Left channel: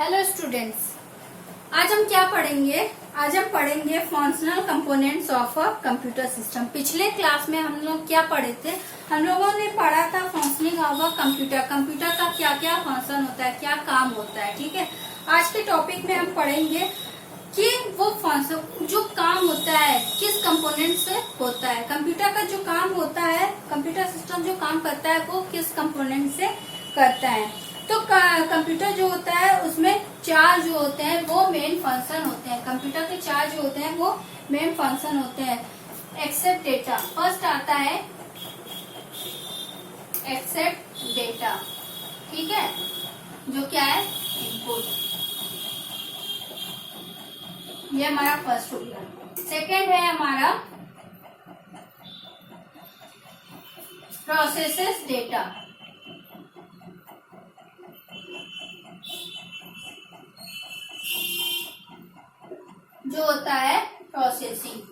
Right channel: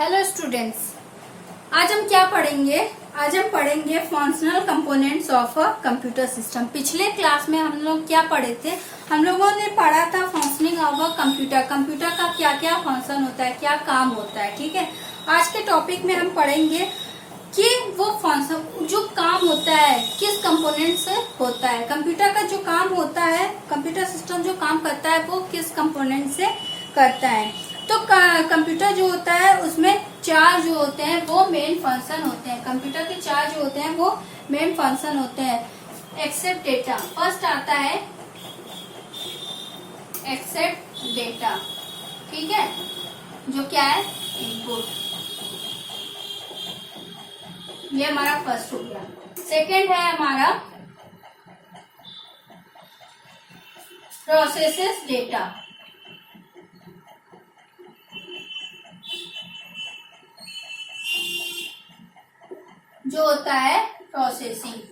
Hello students, आज हम क्या पढ़ेंगे? आज हम पढ़ेंगे functional components of a computer system. पिछले क्लास में हम लोग क्या पढ़े थे? हम लोगों ने पढ़ा था functioning of a computer. Computer का क्या क्या फंक्शन होता है, क्या काम होता है। ठीक है, आज के टॉपिक में हम पढ़ेंगे कि वो फंक्शन जो काम होता है किस कंपोनेंट से होता है। कंप्यूटर का जो काम होता है, कंप्यूटर सिस्टम जो काम करता है वो किस कंपोनेंट से करता है। तो कंप्यूटर जो होता है उसमें चार जो होते हैं वो मेन फंक्शन होते हैं। कंप्यूटर के चार जो होते हैं वो मेन फंक्शन होते हैं। एक्सेप्ट डेटा, फर्स्ट आता है एक्सेप्ट डेटा। ठीक है, जो क्या है इनपुट, ये हमारा फर्स्ट हो गया। सेकेंड है हमारा प्रोसेसेस डेटा। जो होता है प्रोसेसिंग।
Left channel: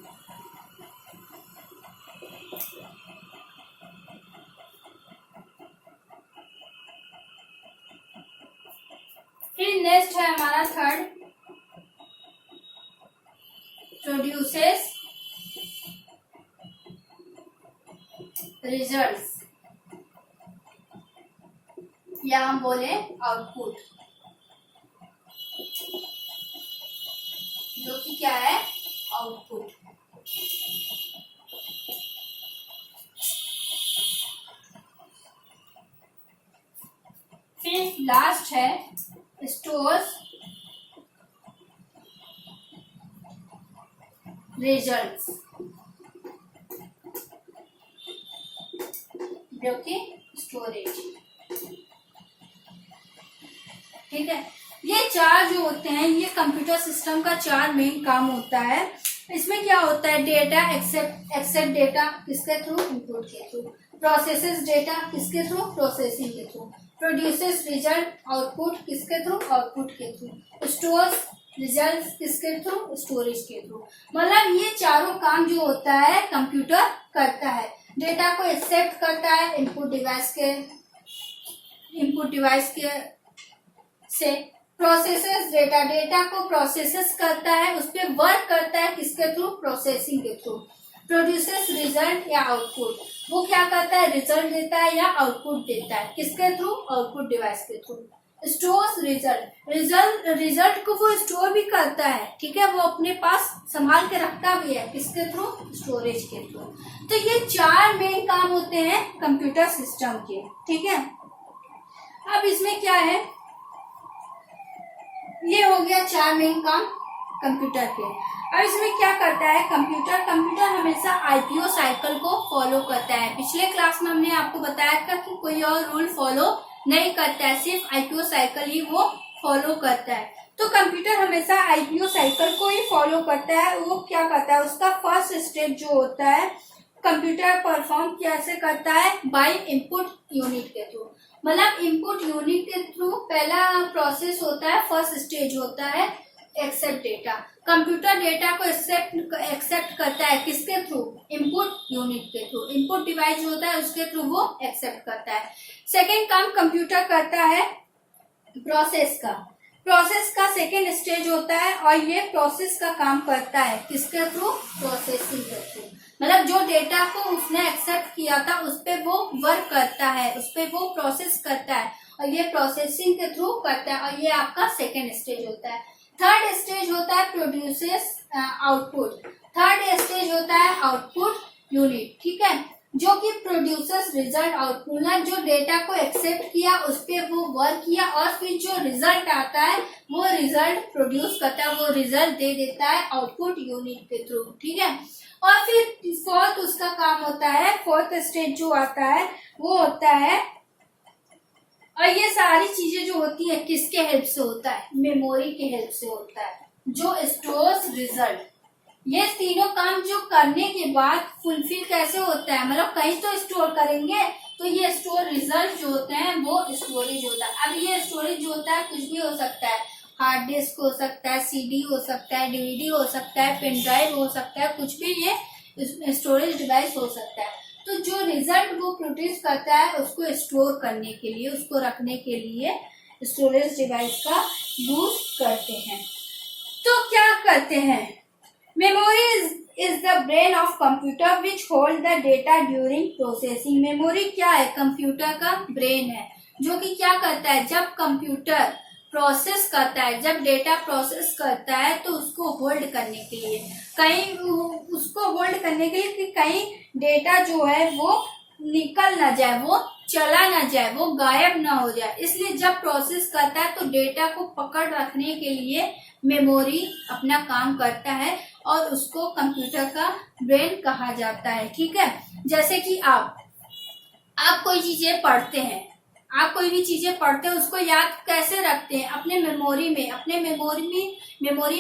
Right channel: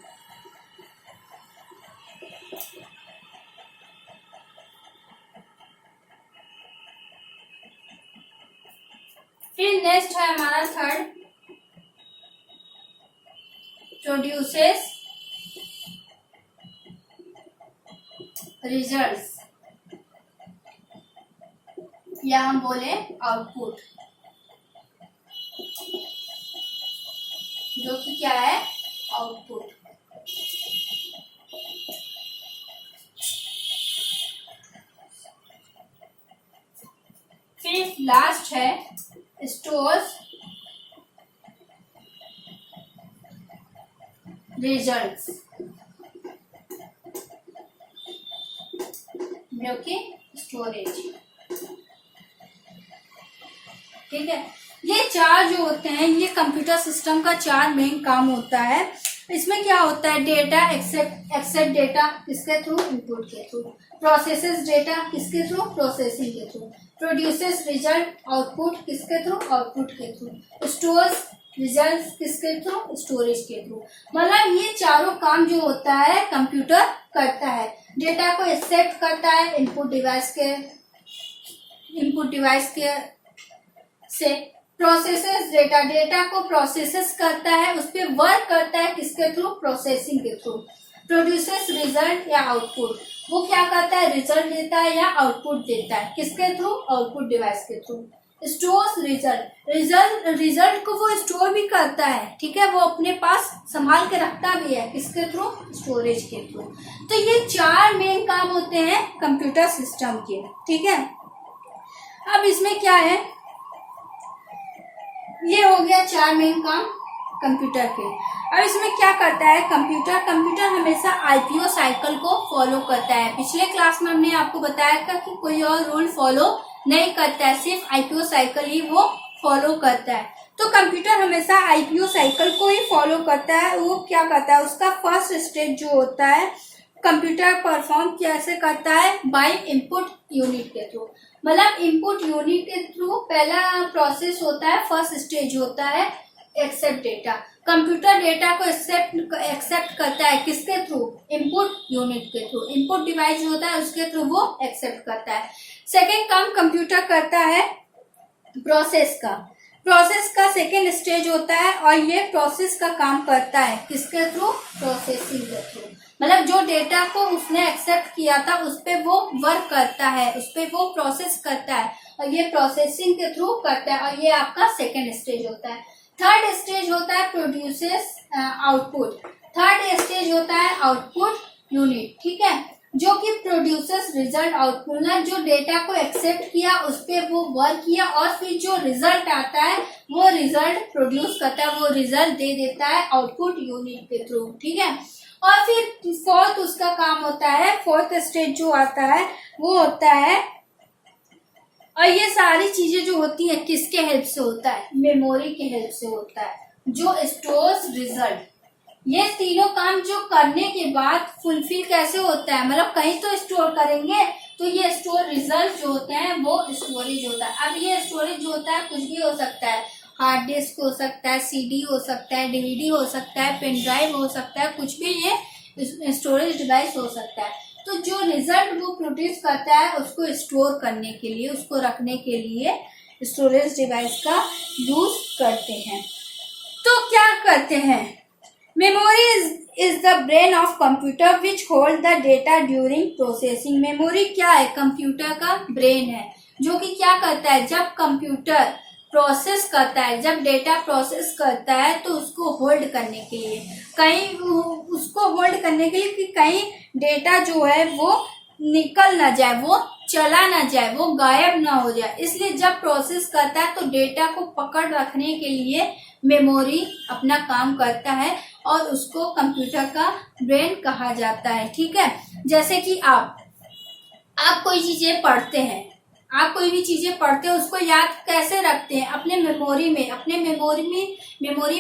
फिर नेक्स्ट है हमारा थर्ड प्रोड्यूसेस रिजल्ट्स, या हम बोले आउटपुट, जो कि क्या है आउटपुट। फिर लास्ट है स्टोर्स रिजल्ट्स, जो कि स्टोरेज। ठीक है, ये चार जो होते हैं ये कंप्यूटर सिस्टम का चार मेन काम होता है। इसमें क्या होता है? डेटा एक्सेप्ट डेटा किसके थ्रू? इनपुट के थ्रू। प्रोसेसेस डेटा किसके थ्रू? प्रोसेसिंग के थ्रू। प्रोड्यूसेस रिजल्ट आउटपुट किसके थ्रू? आउटपुट के थ्रू। स्टोर्स रिजल्ट किसके थ्रू? स्टोरेज के थ्रू। मतलब ये चारों काम जो होता है कंप्यूटर करता है। डेटा को एक्सेप्ट करता है इनपुट डिवाइस के से। प्रोसेसेस डेटा को प्रोसेसेस करता है, उस पर वर्क करता है किसके थ्रू? प्रोसेसिंग के थ्रू। प्रोड्यूसेस रिजल्ट या आउटपुट, वो क्या करता है? रिजल्ट देता है या आउटपुट देता है किसके थ्रू? आउटपुट डिवाइस के थ्रू। स्टोर्स रिजल्ट को वो स्टोर भी करता है। ठीक है, वो अपने पास संभाल के रखता भी है किसके थ्रू? स्टोरेज के थ्रू। तो ये चार मेन काम होते हैं कंप्यूटर सिस्टम के। ठीक है, अब इसमें क्या है, ये हो गया चार मेन काम कंप्यूटर के। अब इसमें क्या करता है कंप्यूटर हमेशा आईपीओ साइकिल को फॉलो करता है। पिछले क्लास में हमने आपको बताया था कि कोई और रूल फॉलो नहीं करता है, सिर्फ आईपीओ साइकिल ही वो फॉलो करता है। तो कंप्यूटर हमेशा आईपीओ साइकिल को ही फॉलो करता है। वो क्या करता है, उसका फर्स्ट स्टेप जो होता है कंप्यूटर परफॉर्म कैसे करता है? बाय इनपुट यूनिट के थ्रू। मतलब इनपुट यूनिट के थ्रू पहला प्रोसेस होता है, फर्स्ट स्टेज होता है एक्सेप्ट डेटा। कंप्यूटर डेटा को एक्सेप्ट करता है किसके थ्रू? इनपुट यूनिट के थ्रू। इनपुट डिवाइस जो होता है उसके थ्रू वो एक्सेप्ट करता है। सेकेंड काम कंप्यूटर करता है प्रोसेस का सेकेंड स्टेज होता है, और ये प्रोसेस का काम करता है किसके थ्रू? प्रोसेसिंग के थ्रू। मतलब जो डेटा को उसने एक्सेप्ट किया था उस पे वो वर्क करता है, उस पे वो प्रोसेस करता है, और ये प्रोसेसिंग के थ्रू करता है, और ये आपका सेकेंड स्टेज होता है। थर्ड स्टेज होता है प्रोड्यूसेस आउटपुट। थर्ड स्टेज होता है आउटपुट यूनिट। ठीक है, जो कि प्रोड्यूसर्स रिजल्ट आउटपुट, जो डेटा को एक्सेप्ट किया उस पे वो वर्क किया, और फिर जो रिजल्ट आता है वो रिजल्ट प्रोड्यूस करता है, वो रिजल्ट दे देता है आउटपुट यूनिट के थ्रू। ठीक है, और फिर फोर्थ उसका काम होता है, फोर्थ स्टेज जो आता है वो होता है, और ये सारी चीजें जो होती है किसके हेल्प से होता है? मेमोरी के हेल्प से होता है, जो स्टोर्स रिजल्ट। ये तीनों काम जो करने के बाद फुलफिल कैसे होता है? मतलब कहीं तो स्टोर करेंगे, तो ये स्टोर रिजल्ट जो होते हैं वो स्टोरेज होता है। अब ये स्टोरेज जो होता है कुछ भी हो सकता है, हार्ड डिस्क हो सकता है, सीडी हो सकता है, डीवीडी हो सकता है, पेन ड्राइव हो सकता है, कुछ भी ये स्टोरेज डिवाइस हो सकता है। तो जो रिजल्ट वो प्रोड्यूस करता है उसको स्टोर करने के लिए, उसको रखने के लिए स्टोरेज डिवाइस का यूज करते हैं। तो क्या करते हैं, memory is the brain of computer which hold the data during processing. Memory क्या है, कंप्यूटर का ब्रेन है जो कि क्या करता है, जब कंप्यूटर प्रोसेस करता है, जब डेटा प्रोसेस करता है तो उसको होल्ड करने के लिए, कहीं उसको होल्ड करने के लिए कि कहीं डेटा जो है वो निकल ना जाए, वो चला ना जाए, वो गायब ना हो जाए। इसलिए जब प्रोसेस करता है तो डेटा को पकड़ रखने के लिए मेमोरी अपना काम करता है और उसको कंप्यूटर का ब्रेन कहा जाता है। ठीक है, जैसे कि आप कोई चीजें पढ़ते हैं, आप कोई भी चीजें पढ़ते हैं उसको याद कैसे रखते हैं, अपने मेमोरी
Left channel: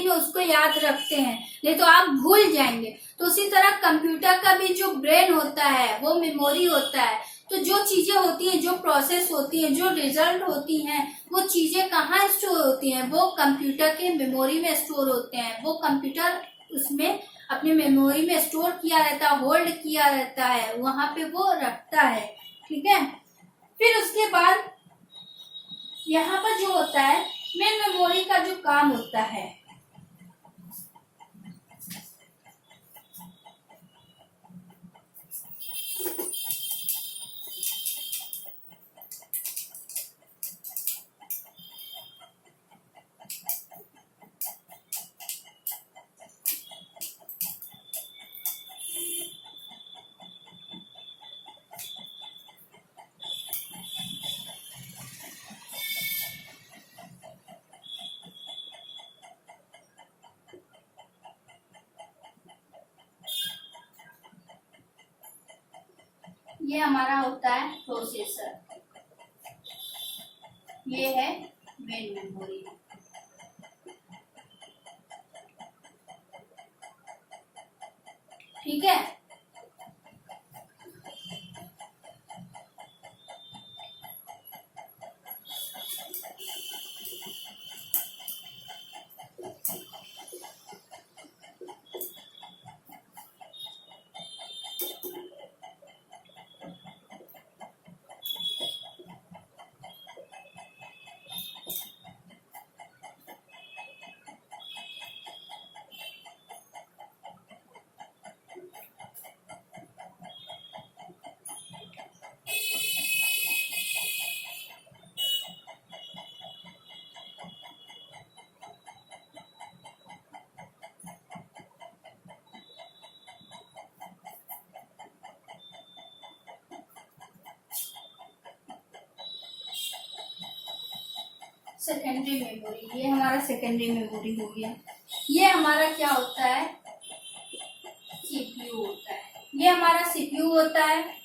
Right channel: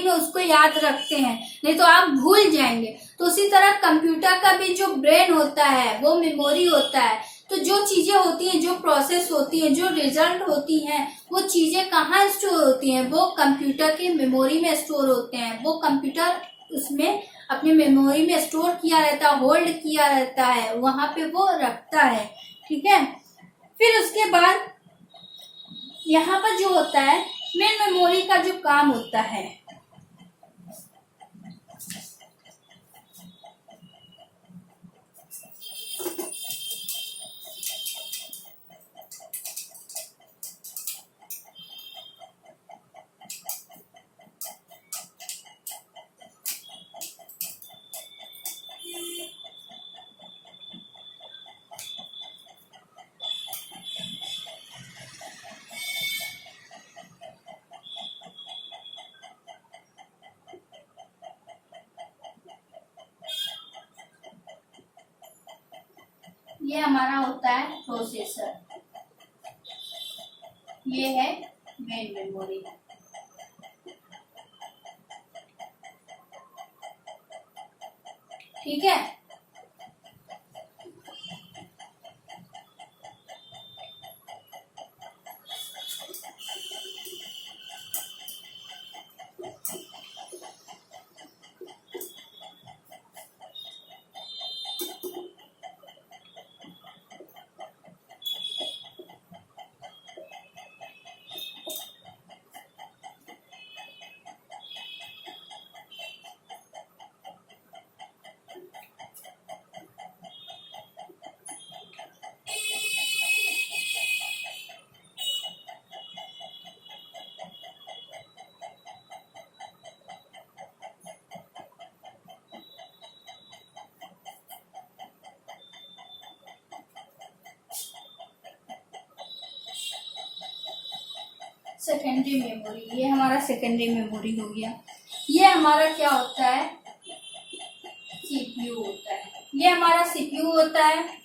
में उसको याद रखते हैं, नहीं तो आप भूल जाएंगे। तो उसी तरह कंप्यूटर का भी जो ब्रेन होता है वो मेमोरी होता है। तो जो चीजें होती हैं, जो प्रोसेस होती है, जो रिजल्ट होती हैं, वो चीजें कहाँ स्टोर होती हैं, वो कंप्यूटर की मेमोरी में स्टोर होते हैं। वो कंप्यूटर उसमें अपनी मेमोरी में स्टोर किया रहता है, होल्ड किया रहता है, वहां पे वो रखता है। ठीक है, फिर उसके बाद यहाँ पर जो होता है मेन मेमोरी का जो काम होता है, ये हमारा होता है प्रोसेसर, ये है मेन मेमोरी। ठीक है, सेकेंडरी मेमोरी, ये हमारा सेकेंडरी मेमोरी हो गया। ये हमारा क्या होता है, सीपीयू होता है। ये हमारा सीपीयू होता है।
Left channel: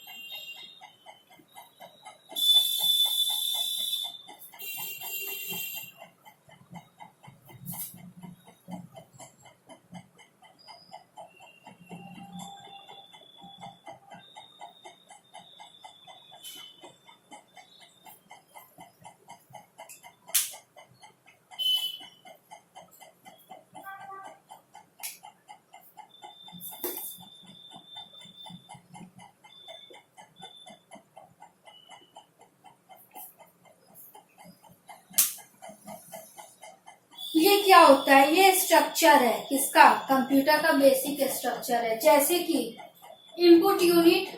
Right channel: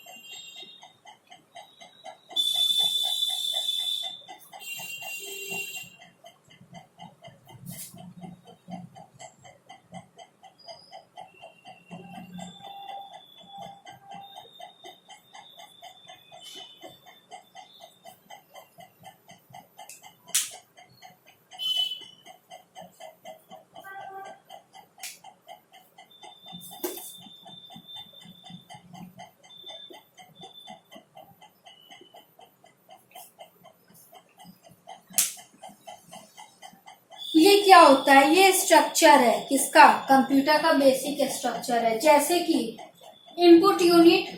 ये क्या होता है, ये स्ट्रक्चर है किसका, कंप्यूटर का बेसिक स्ट्रक्चर है। जैसे कि इनपुट यूनिट,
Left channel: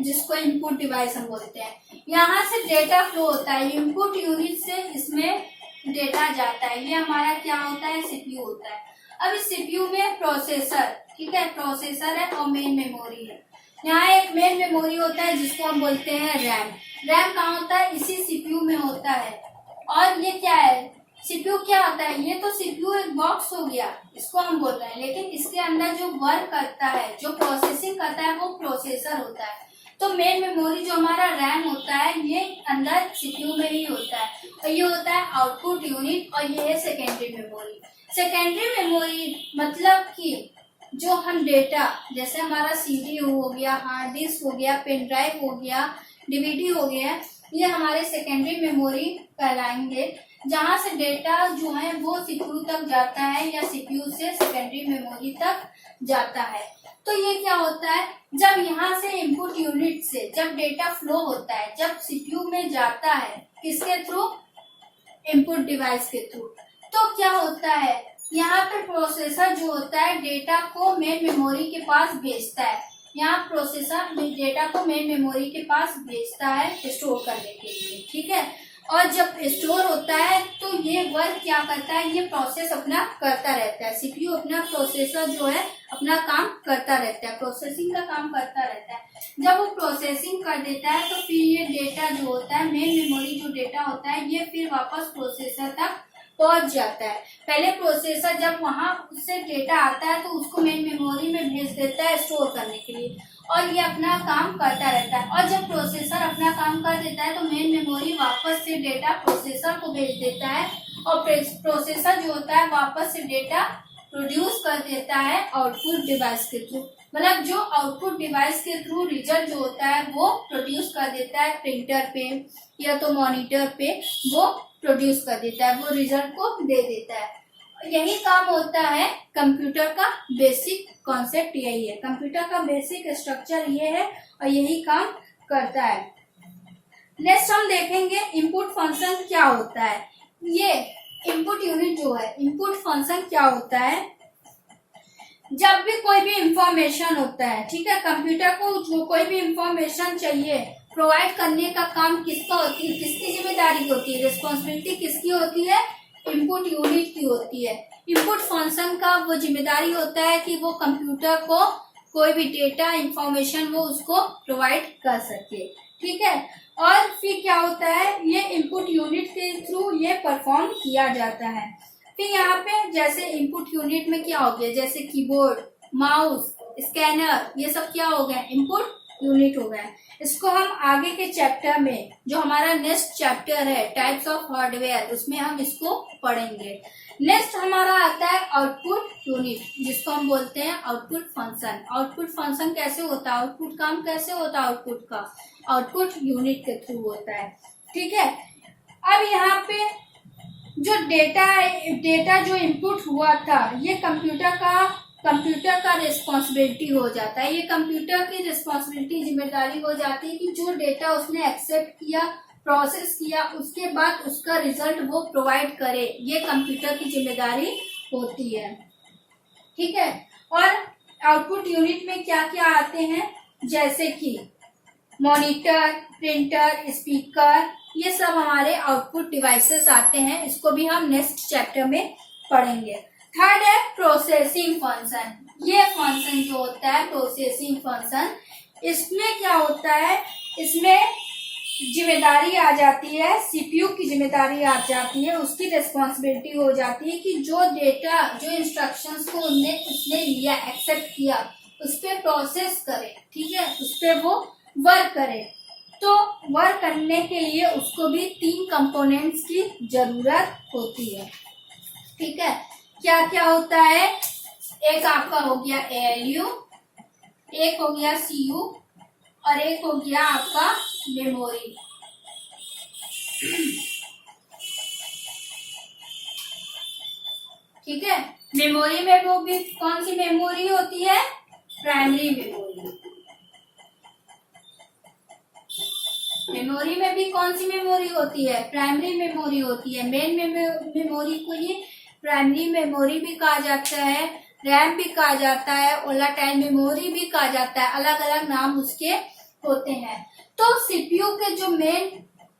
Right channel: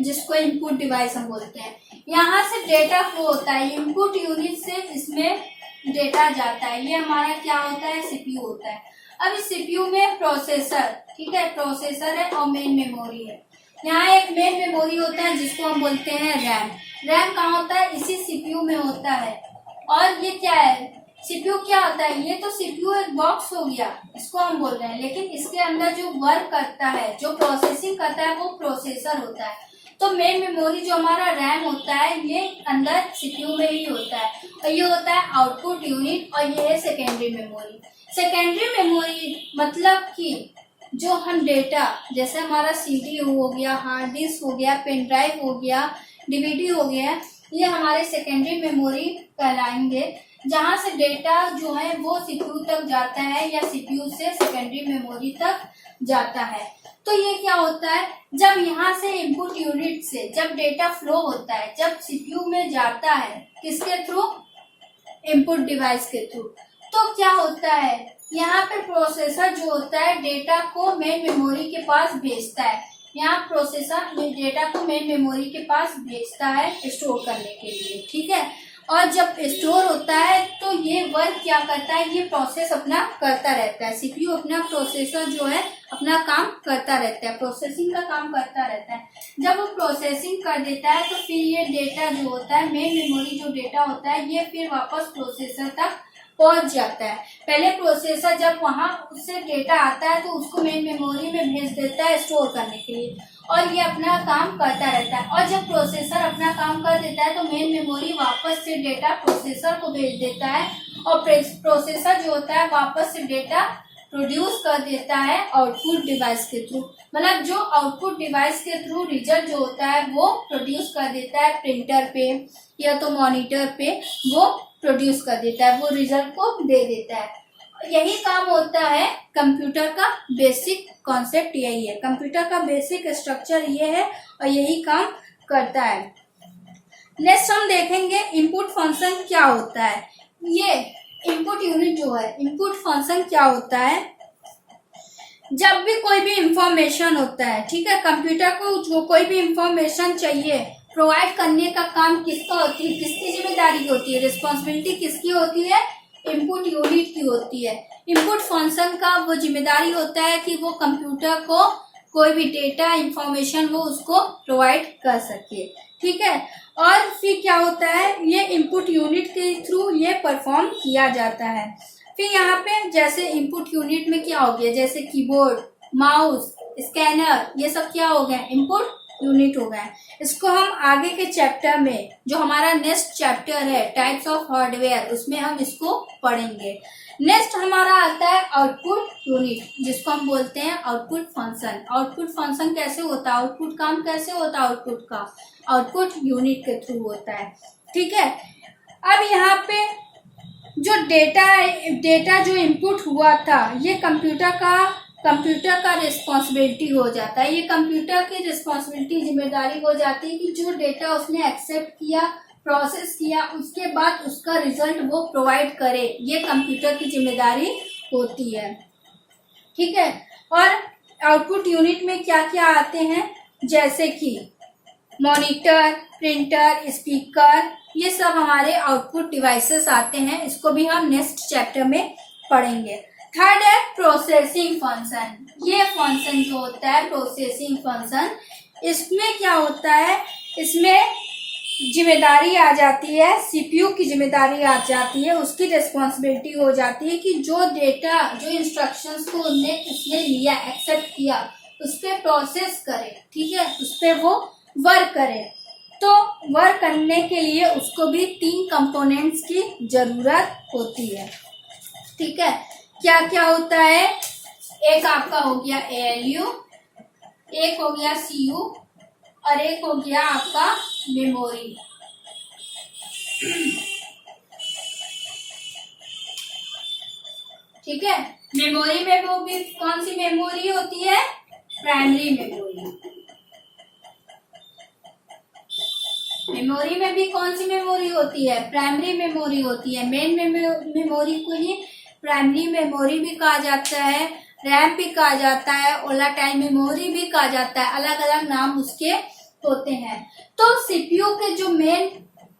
जिसको इनपुट डिवाइस हम बोलते हैं, यहाँ से डेटा फ्लो होता है, इनपुट यूनिट से इसमें डेटा जाता है। ये हमारा क्या होता है, सीपीयू होता है। अब इस सीपीयू में प्रोसेसर, ठीक है, प्रोसेसर है और मेन मेमोरी है। यहाँ एक मेन मेमोरी होता है जिसको हम बोलते हैं रैम। रैम कहाँ होता है, इसी सीपीयू में होता है। और ये क्या है, सीपीयू क्या होता है, ये तो सीपीयू एक बॉक्स हो गया, इसको हम बोल रहे हैं, लेकिन इसके अंदर जो वर्क करता है, जो प्रोसेसिंग करता है, वो प्रोसेसर होता है। तो मेन मेमोरी जो हमारा रैम होता है ये अंदर सीपीयू में ही होता है, और ये होता है आउटपुट यूनिट, और ये है सेकेंडरी मेमोरी। सेकेंडरी मेमोरी मतलब कि जो हम डेटा, जैसे हमारा सीडी हो गया, हार्ड डिस्क हो गया, पेन ड्राइव हो गया, डीवीडी हो गया, ये हमारे सेकेंडरी मेमोरी कहलाएंगे, जहां से डेटा जो है वो सीपीयू तक जाता है या सीपीयू से सेकेंडरी मेमोरी तक जाता है। तो ये क्या होता है, जब यहाँ से इनपुट यूनिट से जब डेटा फ्लो होता है, जब सीपीयू में जाता है, किसके थ्रू, इनपुट डिवाइस के थ्रू। तो क्या होता है, यहाँ पे प्रोसेसर जो होता है डेटा को मेन मेमोरी के पास भेजता है। यहाँ प्रोसेसर डेटा को मेन मेमोरी के पास भेजता है स्टोर करने के लिए, ठीक है। और जब स्टोर होता है तो ये वर्क क्या करता है, ये प्रोसेस अपना करता रहता है। सीपीयू अपना प्रोसेसर जो है अपना काम करता रहता है, प्रोसेसिंग का काम करता रहता है। जब वो प्रोसेसिंग कर देता है तो फिर ये डेटा जो होता है, मेन मेमोरी जो डेटा होता है, ये फिर वापस प्रोसेसर तक पहुंच जाता है। पहले प्रोसेसर जब वहां उससे डेटा आता है तो उसको मेन मेमोरी में भेज देता है स्टोर करने के लिए, और ये अपना काम करता रहता है। और जब प्रोसेसर अपना काम कर देता है तो मेन मेमोरी वापस से डेटा प्रोसेसर को भेज देता है, और प्रोसेसर जो होता है वापस से डेटा प्रोड्यूस कर देता है आउटपुट डिवाइस के थ्रू। मतलब जो आउटपुट डिवाइस के थ्रू रिजल्ट जो होता है वो प्रोड्यूस कर देता है प्रिंटर पे या तो मॉनिटर पे, वो प्रोड्यूस कर देता है, वो रिजल्ट को दे देता है। यही काम होता है कंप्यूटर का बेसिक कॉन्सेप्ट, यही है कंप्यूटर का बेसिक स्ट्रक्चर, ये है और यही काम करता है। नेक्स्ट हम देखेंगे इनपुट फंक्शन क्या होता है। ये इनपुट यूनिट जो है, इनपुट फंक्शन क्या होता है, जब भी कोई भी इंफॉर्मेशन होता है, ठीक है, कंप्यूटर को जो कोई भी इंफॉर्मेशन चाहिए प्रोवाइड करने का काम किसका होती है, किसकी जिम्मेदारी होती है, रिस्पॉन्सिबिलिटी किसकी होती है, इनपुट यूनिट की होती है। इनपुट फंक्शन का वो जिम्मेदारी होता है कि वो कंप्यूटर को कोई भी डेटा इंफॉर्मेशन वो उसको प्रोवाइड कर सके, ठीक है। और फिर क्या होता है, ये इनपुट यूनिट के थ्रू ये परफॉर्म किया जाता है। फिर यहाँ पे जैसे इनपुट यूनिट में क्या हो गया, जैसे कीबोर्ड, माउस, स्कैनर, ये सब क्या हो गया, इनपुट यूनिट हो गया। इसको हम आगे के चैप्टर में, जो हमारा नेक्स्ट चैप्टर है टाइप्स ऑफ हार्डवेयर, उसमें हम इसको पढ़ेंगे। नेक्स्ट हमारा आता है आउटपुट यूनिट, जिसको हम बोलते हैं आउटपुट फंक्शन। आउटपुट फंक्शन कैसे होता है, आउटपुट काम कैसे होता है आउटपुट का, आउटपुट यूनिट के थ्रू होता है, ठीक है। अब यहाँ पे जो डेटा जो इनपुट हुआ था, ये कंप्यूटर का रिस्पॉन्सिबिलिटी हो जाता है। ये कंप्यूटर की रिस्पॉन्सिबिलिटी, जिम्मेदारी हो जाती है कि जो डेटा उसने एक्सेप्ट किया, प्रोसेस किया, उसके बाद उसका रिजल्ट वो प्रोवाइड करे, ये कंप्यूटर की जिम्मेदारी होती है, ठीक है। और आउटपुट यूनिट में क्या क्या आते हैं, जैसे कि मॉनिटर, प्रिंटर, स्पीकर, ये सब हमारे आउटपुट डिवाइसेस आते हैं। इसको भी हम नेक्स्ट चैप्टर में पढ़ेंगे। थर्ड है प्रोसेसिंग फंक्शन। ये फंक्शन जो होता है प्रोसेसिंग फंक्शन, इसमें क्या होता है, इसमें जिम्मेदारी आ जाती है, सीपीयू की जिम्मेदारी आ जाती है, उसकी रिस्पॉन्सिबिलिटी हो जाती है कि जो डेटा, जो इंस्ट्रक्शंस को उसने लिया, एक्सेप्ट किया, उस पर प्रोसेस करे, ठीक है, उस पर वो वर्क करे। तो वर्क करने के लिए उसको भी 3 कंपोनेंट्स की जरूरत होती है, ठीक है। क्या क्या होता है, एक आपका हो गया ALU, एक हो गया CU और एक हो गया आपका मेमोरी। ठीक है, मेमोरी में वो भी कौन सी मेमोरी होती है, प्राइमरी मेमोरी। मेमोरी में भी कौन सी मेमोरी होती है, प्राइमरी मेमोरी होती है। मेन मेमोरी को ही प्राइमरी मेमोरी भी कहा जाता है, रैम भी कहा जाता है, वोलेटाइल मेमोरी भी कहा जाता है, अलग अलग नाम उसके होते हैं। तो सीपीयू के जो मेन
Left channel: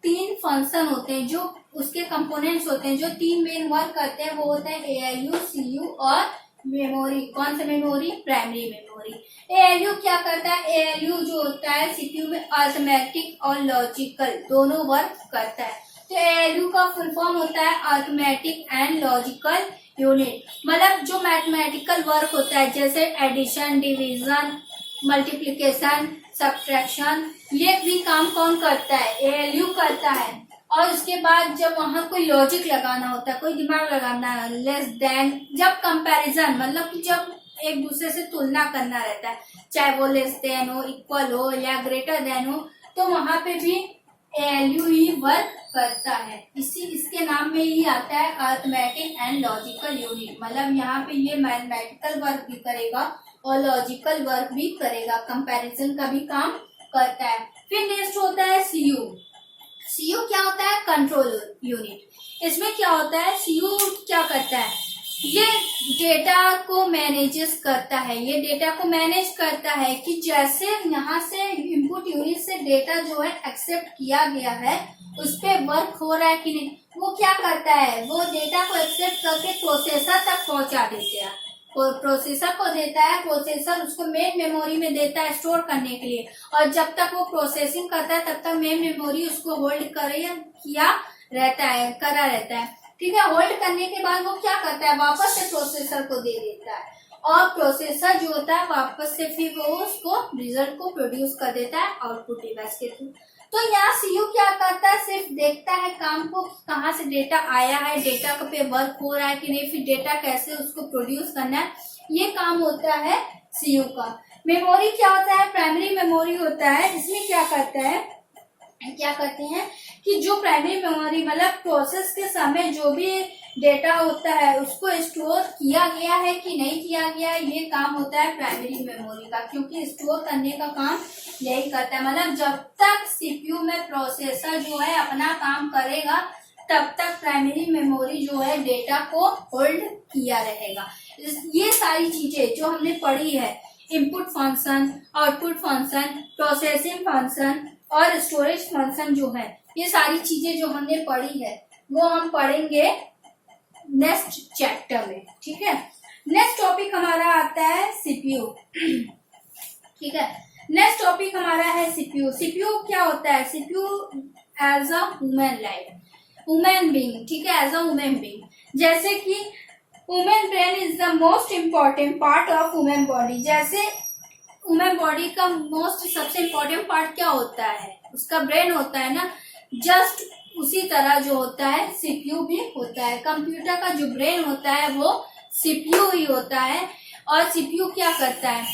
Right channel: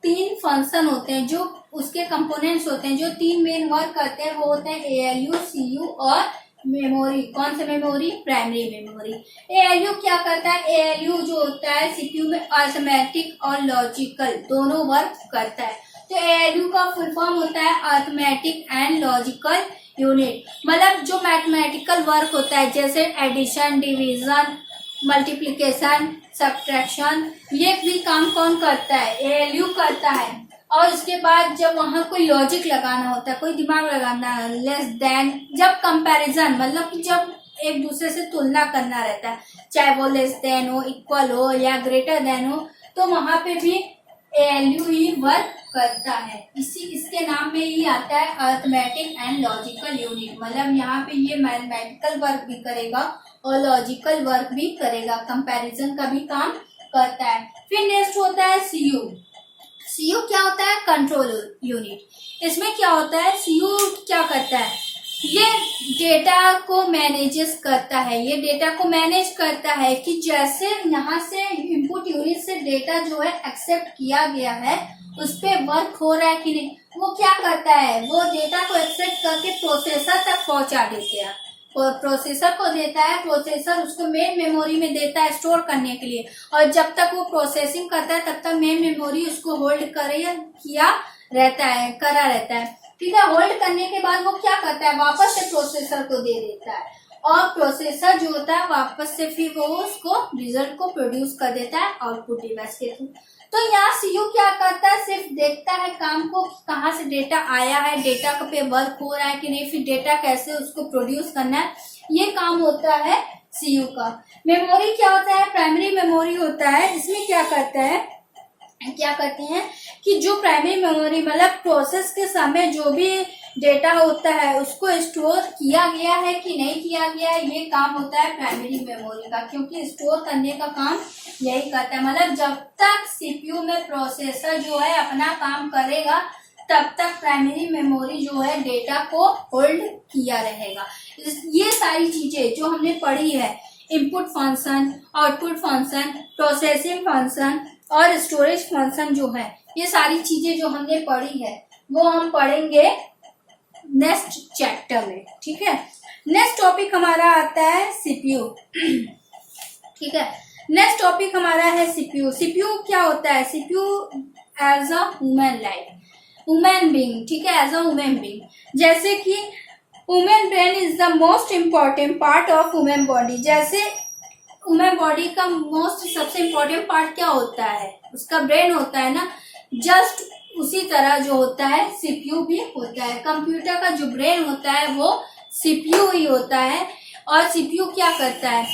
3 फंक्शन होते हैं, जो उसके कंपोनेंट्स होते हैं, जो 3 मेन वर्क करते हैं, वो होते हैं ALU, CU और मेमोरी। कौन सा मेमोरी, प्राइमरी मेमोरी। ALU क्या करता है, ALU जो होता है सीपीयू में अरिथमेटिक और लॉजिकल दोनों वर्क करता है। तो ALU का फुल फॉर्म होता है अरिथमेटिक एंड लॉजिकल यूनिट। मतलब जो मैथमेटिकल वर्क होता है, जैसे एडिशन, डिवीजन, मल्टीप्लिकेशन, सब्ट्रैक्शन, ये भी काम कौन करता है, ALU करता है। और उसके बाद जब वहां कोई लॉजिक लगाना होता है, कोई दिमाग लगाना है, लेस देन, जब कंपैरिजन, मतलब कि जब एक दूसरे से तुलना करना रहता है, चाहे वो लेस देन हो, इक्वल हो या ग्रेटर देन हो, तो वहां पे भी ALU ही वर्क करता है। इसके नाम में ही आता है अरिथमेटिक एंड लॉजिकल यूनिट। मतलब यहाँ पे ये मैथमेटिकल वर्क भी करेगा और लॉजिकल वर्क भी करेगा, कंपैरिजन का भी काम करता है। फिर नेक्स्ट होता है CU। सीयू क्या होता है? Control unit. इसमें क्या होता है? सीयू क्या करता है? ये डेटा को मैनेजेस करता है। ये डेटा को मैनेज करता है कि जैसे यहाँ से इनपुट यूनिट से डेटा जो है एक्सेप्ट किया गया है उस पे वर्क हो रहा है कि नहीं। वो क्या करता है? वो डेटा को एक्सेप्ट करके प्रोसेसर तक पहुंचा देते हैं। प्रोसेसर को देता है, प्रोसेसर उसको मेन मेमोरी में देता है स्टोर करने के लिए, और जब तक वो प्रोसेसिंग करता है तब तक मेन मेमोरी उसको होल्ड करा रहता है। ठीक है। होल्ड करने के बाद वो क्या करता है? वापस से प्रोसेसर को दे देता है, और प्रोसेसर जो होता है वापस से फिर वो उसको रिजल्ट को प्रोड्यूस कर देता है आउटपुट डिवाइस के थ्रू। तो यहाँ सीयू क्या करता है? सिर्फ देखता है काम को, कहाँ से डेटा आया है, डेटा पे वर्क हो रहा है कि नहीं, फिर डेटा कैसे उसको प्रोड्यूस करना है, ये काम होता है सीयू का। मेमोरी क्या होता है? प्राइमरी मेमोरी होता है। इसमें क्या करते हैं कि जो प्राइमरी मेमोरी मतलब प्रोसेस के समय जो भी डेटा होता है उसको स्टोर किया गया है कि नहीं किया गया है, ये काम होता है प्राइमरी मेमोरी का, क्योंकि स्टोर करने का काम यही करता है। मतलब जब तक सीपीयू में प्रोसेसर जो है अपना काम करेगा तब तक प्राइमरी मेमोरी जो है डेटा को होल्ड किया रहेगा। ये सारी चीजें जो हमने पढ़ी है, input function, output function, processing function और स्टोरेज फंक्शन जो है, ये सारी चीजें जो हमने पढ़ी है वो हम पढ़ेंगे नेक्स्ट चैप्टर में। ठीक है। नेक्स्ट टॉपिक हमारा आता है सीपीयू। ठीक है। नेक्स्ट टॉपिक हमारा है सीपीयू। सीपीयू क्या होता है? CPU as a human being. ठीक है। एज अ ह्यूमन बीइंग, जैसे कि human brain is the most important part of human body. जैसे ह्यूमन बॉडी का सबसे इम्पोर्टेंट पार्ट क्या होता है? उसका ब्रेन होता है ना। जस्ट उसी तरह जो होता है सीपीयू भी होता है। कंप्यूटर का जो ब्रेन होता है वो सीपीयू ही होता है। और सीपीयू क्या करता है?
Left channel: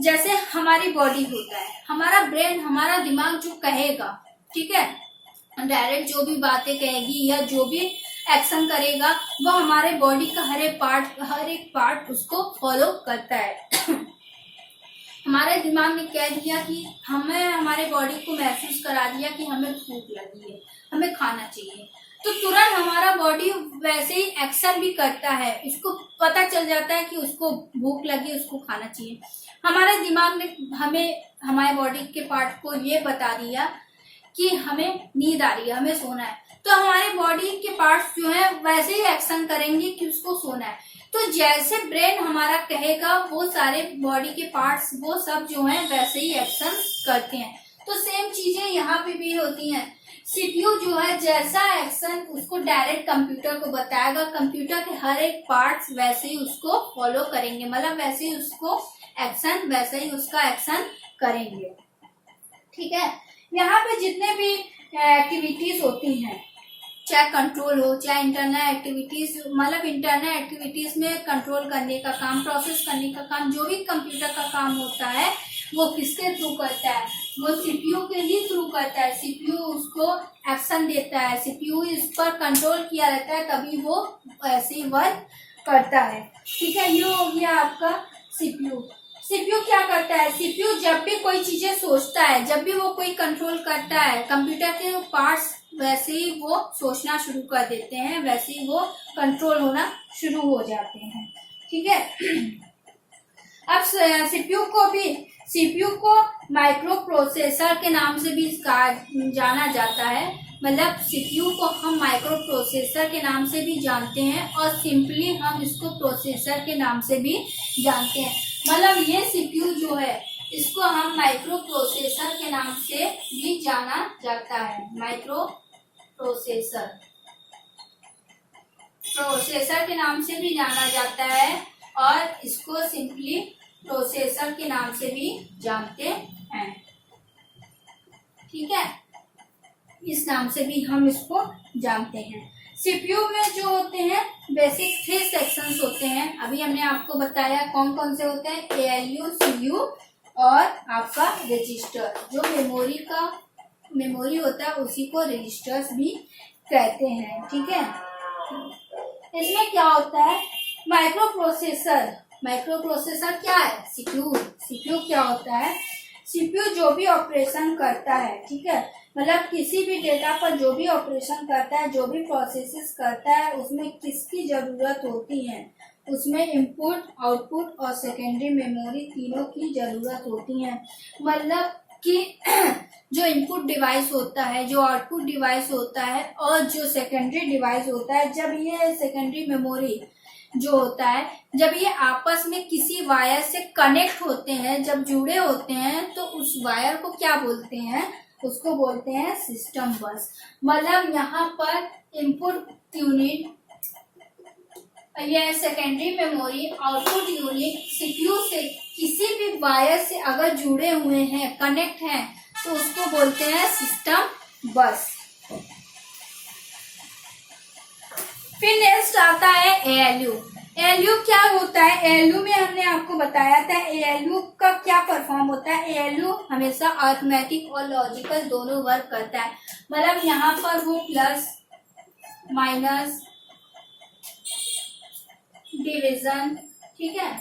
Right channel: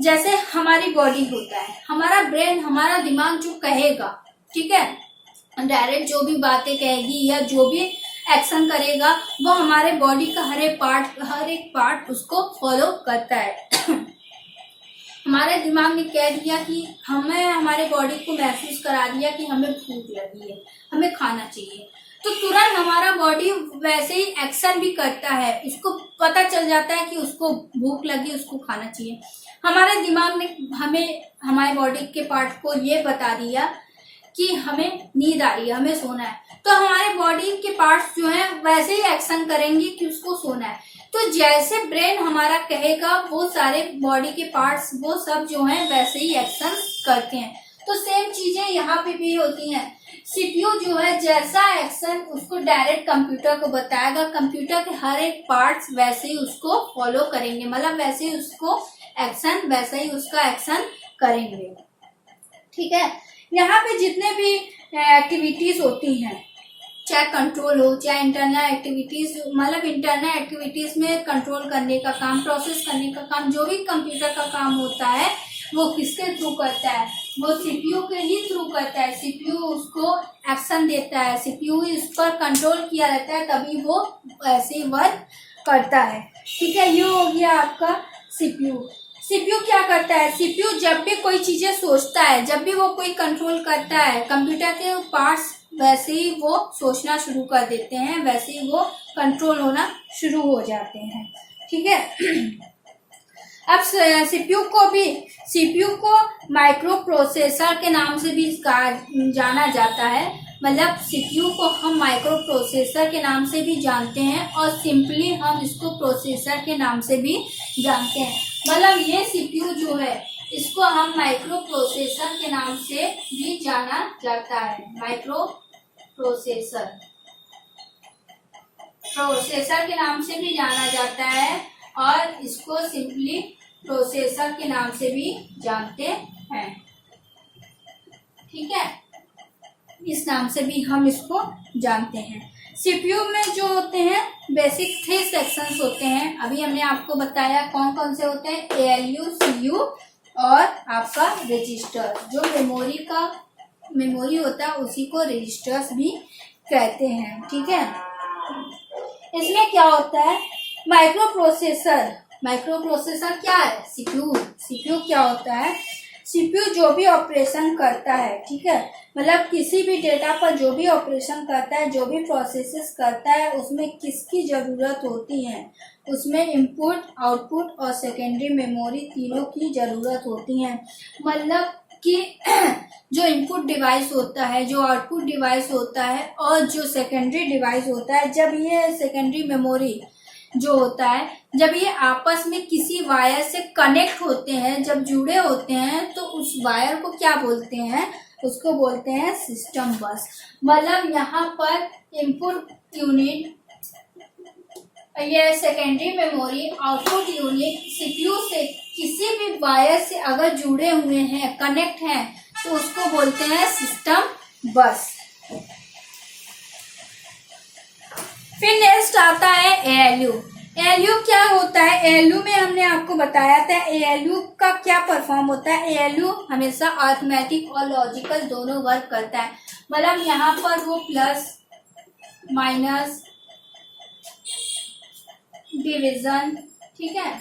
जैसे हमारी बॉडी होता है, हमारा ब्रेन, हमारा दिमाग जो कहेगा, ठीक है, डायरेक्ट जो भी बातें कहेगी या जो भी एक्शन करेगा वो हमारे बॉडी का हर एक पार्ट उसको फॉलो करता है। हमारे दिमाग ने कह दिया कि हमारे बॉडी को महसूस करा दिया कि हमें भूख लगी है, हमें खाना चाहिए, तो तुरंत हमारा बॉडी वैसे ही एक्शन भी करता है। इसको पता चल जाता है कि उसको भूख लगी, उसको खाना चाहिए। हमारे दिमाग ने हमारे बॉडी के पार्ट को ये बता दिया कि हमें नींद आ रही है, हमें सोना है, तो हमारे बॉडी के पार्ट्स जो हैं वैसे ही एक्शन करेंगे कि उसको सोना है। तो जैसे ब्रेन हमारा कहेगा वो सारे बॉडी के पार्ट्स वो सब जो हैं वैसे ही एक्शन करते हैं। तो सेम चीजें यहाँ पे भी होती हैं। सीपीयू जो है जैसा एक्शन उसको डायरेक्ट कंप्यूटर को बताएगा, कंप्यूटर के हर एक पार्ट्स वैसे ही उसको फॉलो करेंगे, मतलब वैसे ही उसको एक्शन, वैसे ही उसका एक्शन करेंगे। ठीक है। यहाँ पे जितने भी एक्टिविटीज होती हैं, चाहे कंट्रोल हो, चाहे इंटरनल एक्टिविटीज, मतलब इंटरनल एक्टिविटीज में कंट्रोल करने का काम, प्रोसेस करने का काम, जो भी कंप्यूटर का काम होता है वो किसके थ्रू करता है? वो सीपीयू के ही थ्रू करता है। सीपीयू उसको एक्शन देता है, सीपीयू इस पर कंट्रोल किया रहता है, तभी वो ऐसे ही वर्क करता है। ठीक है। ये हो गया आपका सीपीयू। सीपीयू क्या करता है? सीपीयू जब भी कोई चीजें सोचता है, जब भी वो कोई कंट्रोल करता है, कंप्यूटर के पार्ट्स वैसे ही वो सोचना शुरू कर देते हैं, वैसे ही वो कंट्रोल होना शुरू हो जाते हैं। ठीक है। अब सीपीयू को माइक्रो प्रोसेसर के नाम से भी जाना जाता है। मतलब सीपीयू को हम माइक्रो प्रोसेसर के नाम से भी जानते हैं और सिंपली हम इसको प्रोसेसर के नाम से भी जानते हैं। मतलब ये सीपीयू जो है इसको हम माइक्रो प्रोसेसर के नाम से भी जाना जाता है। माइक्रो प्रोसेसर के नाम से भी जाना जाता है और इसको सिंपली प्रोसेसर के नाम से भी जानते हैं। ठीक है। इस नाम से भी हम इसको जानते हैं। सीपीयू में जो होते हैं बेसिक 3 सेक्शंस होते हैं। अभी हमने आपको बताया कौन कौन से होते हैं, एएलयू, सीयू और आपका रजिस्टर। जो मेमोरी होता है उसी को रजिस्टर्स भी कहते हैं। ठीक है। इसमें क्या होता है? माइक्रो प्रोसेसर क्या है? सीपीयू क्या होता है? सीपीयू जो भी ऑपरेशन करता है, ठीक है, मतलब किसी भी डेटा पर जो भी ऑपरेशन करता है, जो भी प्रोसेसेस करता है, उसमें किसकी जरूरत होती है? उसमें इनपुट, आउटपुट और सेकेंडरी मेमोरी तीनों की जरूरत होती है। मतलब कि जो इनपुट डिवाइस होता है, जो आउटपुट डिवाइस होता है और जो सेकेंडरी डिवाइस होता है, जब ये सेकेंडरी मेमोरी जो होता है, जब ये आपस में किसी वायर से कनेक्ट होते हैं, जब जुड़े होते हैं, तो उस वायर को क्या बोलते हैं? उसको बोलते हैं सिस्टम बस। मतलब यहाँ पर इनपुट यूनिट, ये secondary memory, output unit CPU से किसी भी वायर से अगर जुड़े हुए हैं, कनेक्ट हैं, तो उसको बोलते हैं सिस्टम बस। फिर नेक्स्ट आता है एएलयू। एएलयू क्या होता है? एएलयू में हमने आपको बताया था एएलयू का क्या परफॉर्म होता है। एएलयू हमेशा अरिथमेटिक और लॉजिकल दोनों वर्क करता है। मतलब यहाँ पर वो प्लस, माइनस, डिवीजन, ठीक है,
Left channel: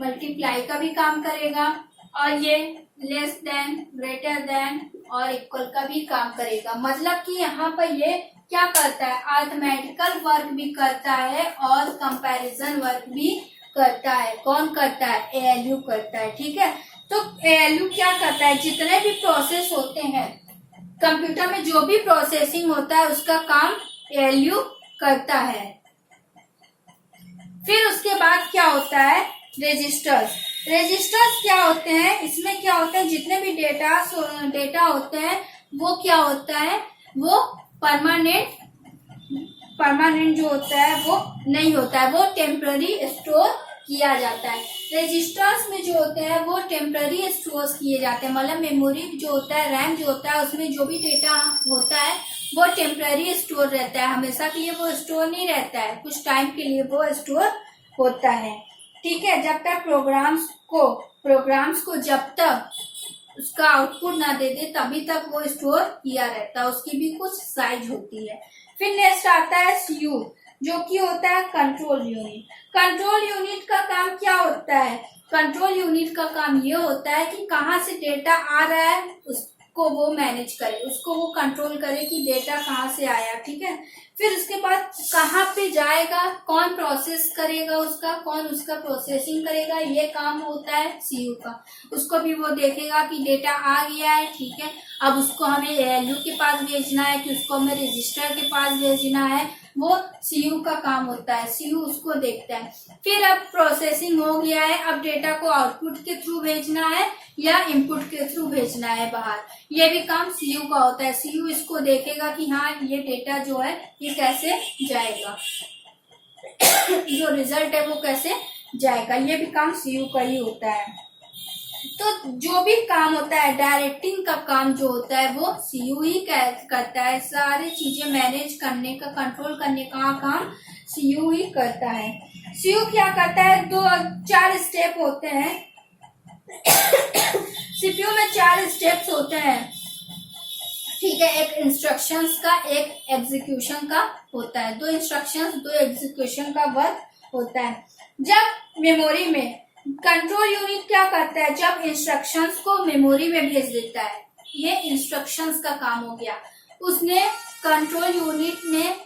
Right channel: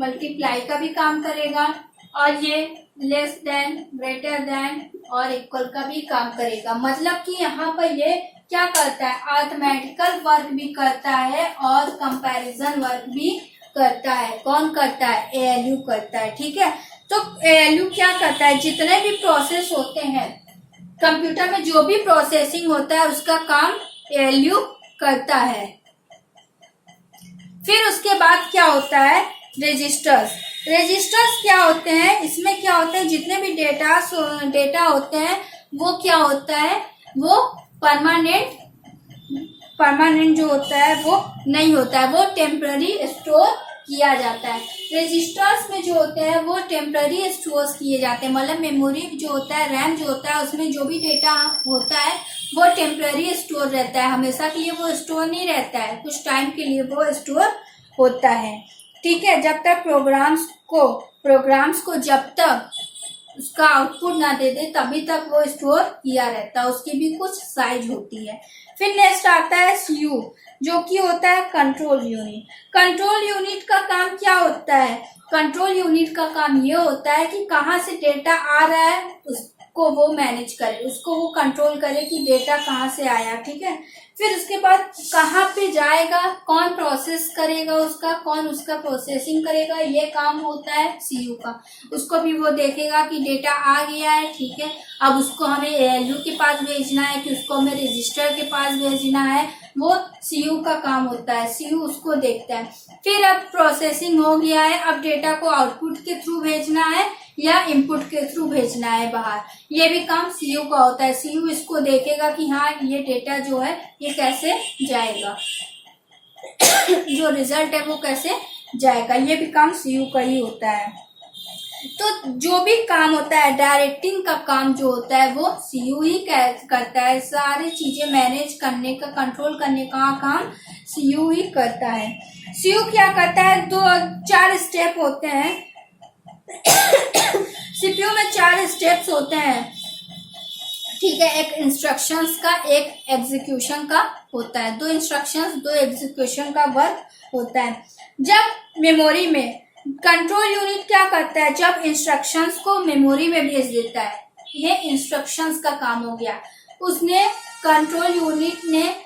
मल्टीप्लाई का भी काम करेगा, और ये लेस देन, ग्रेटर देन और इक्वल का भी काम करेगा। मतलब कि यहाँ पर ये क्या करता है? अरिथमेटिकल वर्क भी करता है और कंपैरिजन वर्क भी करता है। कौन करता है? एएलयू करता है। ठीक है, तो एएलयू क्या करता है? जितने भी प्रोसेस होते हैं कंप्यूटर में, जो भी प्रोसेसिंग होता है, उसका काम एएलयू करता है। फिर उसके बाद क्या होता है? रजिस्टर्स। रजिस्टर्स क्या होते हैं? इसमें क्या होता है? जितने भी डेटा होते हैं वो क्या होता है? वो परमानेंट जो होता है वो नहीं होता है, वो टेम्पररी स्टोर किया जाता है। रजिस्टर्स में जो होते हैं वो टेम्पररी स्टोर किए जाते हैं। मतलब मेमोरी जो होता है, रैम जो होता है, उसमें जो भी डेटा होता है वो टेम्पररी स्टोर रहता है। हमेशा के लिए वो स्टोर नहीं रहता है, कुछ टाइम के लिए वो स्टोर होता है। ठीक है, जब तक प्रोग्राम्स को जब तक उसका आउटपुट ना दे दे तभी तक वो स्टोर किया रहता है। उसकी भी कुछ साइज होती है। फिर नेक्स्ट आता है सीयू, जो कि होता है कंट्रोल यूनिट। कंट्रोल यूनिट का काम क्या होता है? कंट्रोल यूनिट का काम ये होता है कि कहाँ से डेटा आ रहा है उसको वो मैनेज करे, उसको वो कंट्रोल करे कि डेटा कहाँ से आया। ठीक है, फिर उसके बाद कहाँ पे जाएगा, कौन प्रोसेस करेगा उसका, कौन उसका प्रोसेसिंग करेगा, ये काम होता है सीयू का। उसको भी वो देखेगा कि डेटा आ गया है, ठीक है, अब उसको हमें एएलयू के पास भेजना है कि उसको हमें रजिस्टर के पास भेजना है, वो सीयू का काम होता है। सीयू उसको देखता है। फिर अब प्रोसेसिंग हो गया है, अब डेटा को आउटपुट के थ्रू भेजना है या इनपुट के थ्रू भेजना है बाहर, ये भी काम सीयू का होता है। सीयू इसको देखेगा कि हाँ ये डेटा जो है ये कैसे जाएगा, जो रिजल्ट है वो कैसे जाएगा, ये भी काम सीयू का ही होता है। तो जो भी काम होता है, डायरेक्टिंग का काम जो होता है वो सीयू ही करता है। सारी चीजें मैनेज करने का, कंट्रोल करने का काम सीयू ही करता है। सीयू क्या करता है? 4 स्टेप होते हैं। सीपीयू में 4 स्टेप्स होते हैं। ठीक है, एक इंस्ट्रक्शंस का, एक एग्जीक्यूशन का होता है। 2 इंस्ट्रक्शंस 2 एग्जीक्यूशन का वर्क होता है। जब मेमोरी में कंट्रोल यूनिट क्या करता है? जब इंस्ट्रक्शंस को मेमोरी में भेज देता है, ये इंस्ट्रक्शंस का काम हो गया। उसने, कंट्रोल यूनिट ने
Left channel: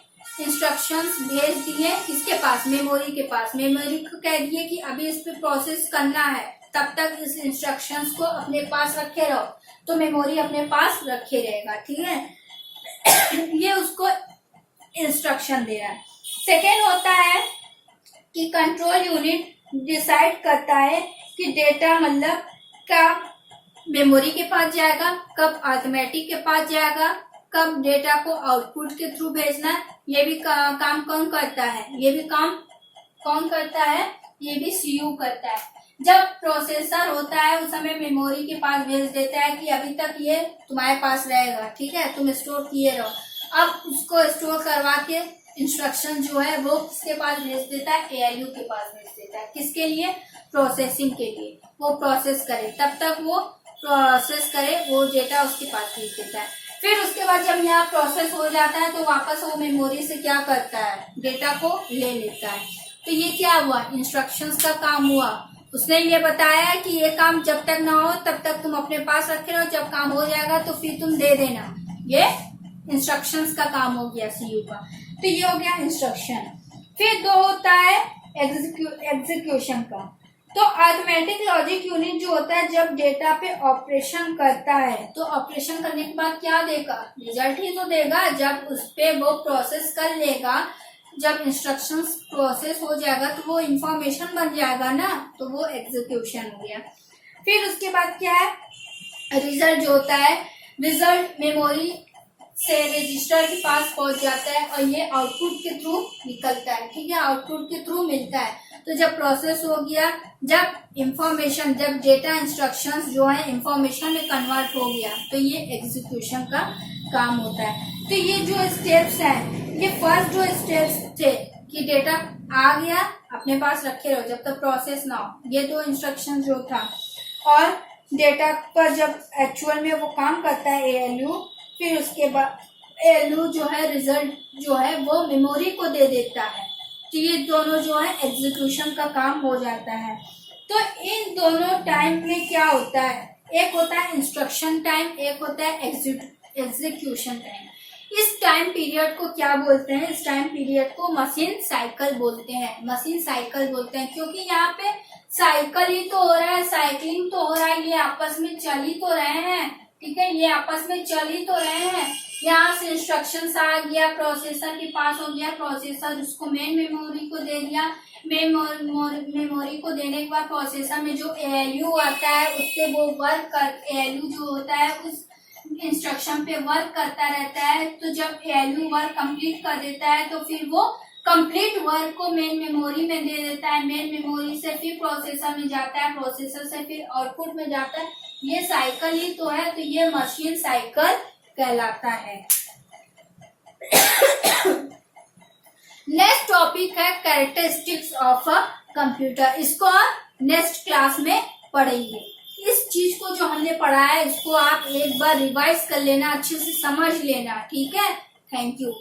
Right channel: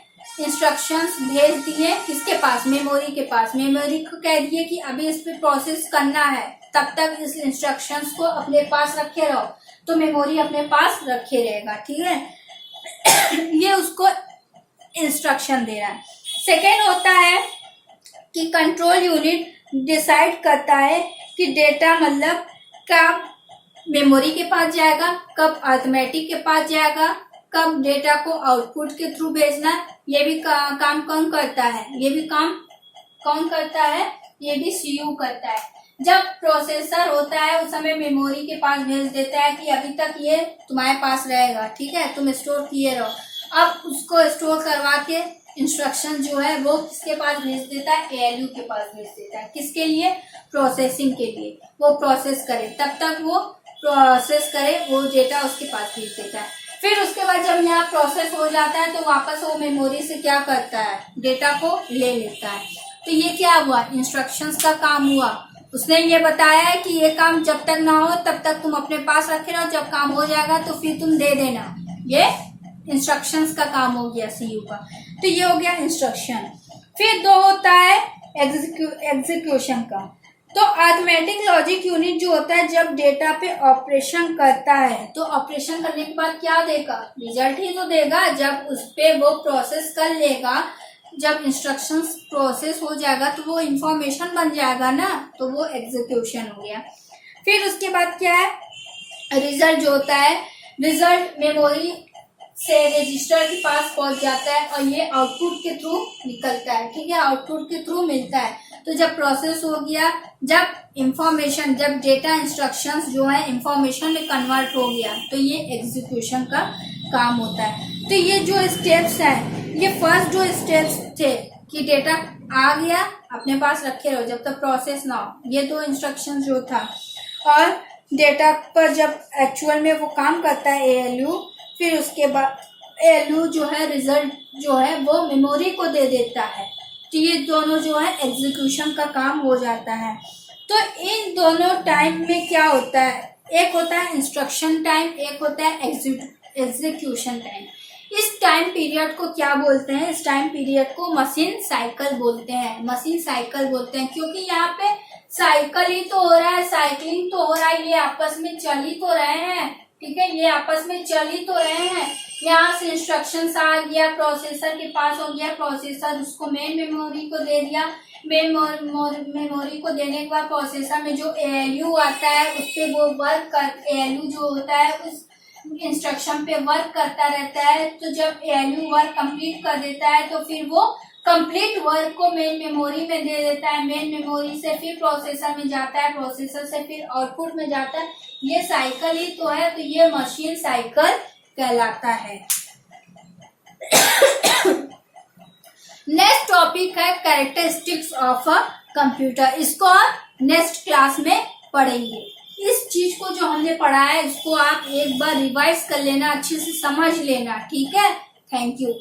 इंस्ट्रक्शंस भेज दिए किसके पास? मेमोरी के पास। मेमोरी को कह दिए कि अभी इस पे प्रोसेस करना है, तब तक इस इंस्ट्रक्शंस को अपने पास रखे रहो, तो मेमोरी अपने पास रखे रहेगा। ठीक है, ये उसको इंस्ट्रक्शन दे रहा है। सेकेंड होता है कि कंट्रोल यूनिट डिसाइड करता है कि डेटा मतलब कब मेमोरी के पास जाएगा, कब अरिथमेटिक के पास जाएगा, कब डेटा को आउटपुट के थ्रू भेजना है। ये भी काम कौन करता है? ये भी काम कौन करता है? ये भी सीयू करता है। जब प्रोसेसर होता है उस समय मेमोरी के पास भेज देता है कि अभी तक ये तुम्हारे पास रहेगा, ठीक है, तुम स्टोर किए रहो। अब उसको स्टोर करवा के इंस्ट्रक्शन जो है वो किसके पास भेज देता है? एएलयू के पास भेज देता है। किसके लिए? प्रोसेसिंग के लिए। वो प्रोसेस करे, तब तक वो प्रोसेस करे, वो डेटा उसके पास भेज देता है। फिर उसके बाद जब यहाँ प्रोसेस हो जाता है तो वापस वो मेमोरी से क्या करता है? डेटा को ले लेता है। तो ये क्या हुआ? इंस्ट्रक्शंस का काम हुआ। उसने ये बताया है कि ये काम जब तक ना हो तब तक तुम अपने पास रखे रहो, जब काम हो जाएगा तो फिर तुम दे देना। ये इंस्ट्रक्शंस का काम हो गया सीयू का। तो ये हो गया इंस्ट्रक्शन। फिर दो होता है एग्जीक्यूशन का। तो अरिथमेटिक लॉजिक यूनिट जो होता है जब डेटा पे ऑपरेशन करता है तो ऑपरेशन करने के बाद क्या देगा, रिजल्ट ही तो देगा। जब उस पे वो प्रोसेस कर लेगा, जब इंस्ट्रक्शंस प्रोसेस हो जाएगा तो वो इंफॉर्मेशन बन जाएगा ना, तो वो एग्जीक्यूशन हो गया। फिर उसके बाद क्या है, रिजल्ट जो होता है, रिजल्ट मेमोरी से रजिस्टर के पास पहुंच जाता है और ये आउटपुट के थ्रू निकलता है। ठीक है, आउटपुट के थ्रू मिलता है। तो जब प्रोसेस हो गया, जब इंफॉर्मेशन, जब डेटा इंस्ट्रक्शंस जो है इंफॉर्मेशन में कन्वर्ट हो गया, तो ये एग्जीक्यूशन का काम होता है। तो ये जो स्टेप्स हैं, ये फर्स्ट जो स्टेप्स थे कि डेटा आ गया अपने पास रखे रहो जब तक प्रोसेस ना हो, ये दो इंस्ट्रक्शन जो था, और डेटा पर जब एक्चुअल में वो काम करता है एएलयू, फिर उसके बाद एएलयू जो है रिजल्ट जो है वो मेमोरी को दे देता है। तो ये दोनों जो है एग्जीक्यूशन का काम हो जाता है। तो इन दोनों टाइम में क्या होता है, एक होता है इंस्ट्रक्शन टाइम, एक होता है एग्जीक्यूशन टाइम। इस टाइम पीरियड को क्या बोलते हैं, इस टाइम पीरियड को मशीन साइकिल बोलते हैं। मशीन साइकिल बोलते हैं क्योंकि यहाँ पे साइकिल ही तो हो रहा है, साइकिलिंग तो हो रहा है, ये आपस में चल ही तो रहे हैं। ठीक है, ये आपस में चल ही तो रहे हैं। यहाँ से इंस्ट्रक्शंस आ गया, प्रोसेसर के पास हो गया, प्रोसेसर उसको मेन मेमोरी को दे दिया, मेन मेमोरी को देने के बाद प्रोसेसर में जो एएलयू आता है उस पे वो वर्क कर, एएलयू जो होता है उस इंस्ट्रक्शन पे वर्क करता रहता है। तो जब एएलयू वर्क कंप्लीट कर देता है तो फिर वो कंप्लीट वर्क को मेन मेमोरी में दे देता है, मेन मेमोरी से फिर प्रोसेसर में जाता है, प्रोसेसर से फिर आउटपुट में जाता है। ये साइकिल ही तो है, तो ये मशीन साइकिल कहलाता है। नेक्स्ट टॉपिक है कैरेक्टरिस्टिक्स ऑफ अ कंप्यूटर। इसको नेक्स्ट क्लास में पढ़ेंगे। इस चीज को जो हमने पढ़ा है इसको आप एक बार रिवाइज कर लेना, अच्छे से समझ लेना। ठीक है, थैंक यू।